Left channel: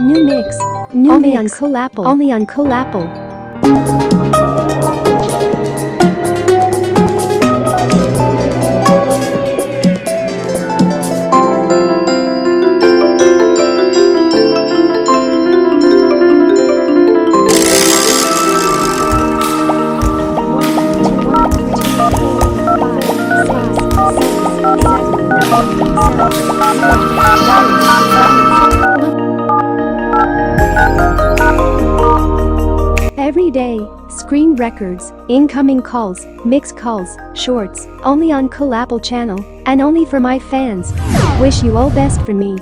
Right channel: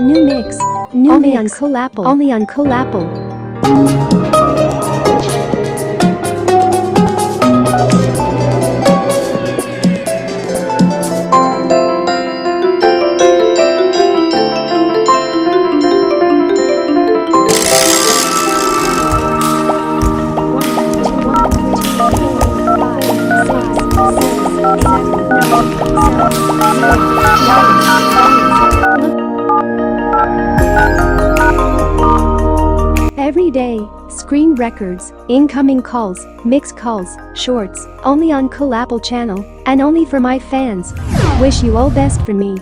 New mix. New only mix. On coolapple. Only on coolapple. Every day, screen records, incoming calls, mixed calls, shorts, only on coolapple channel, and only for my fans. Wish you all best for me.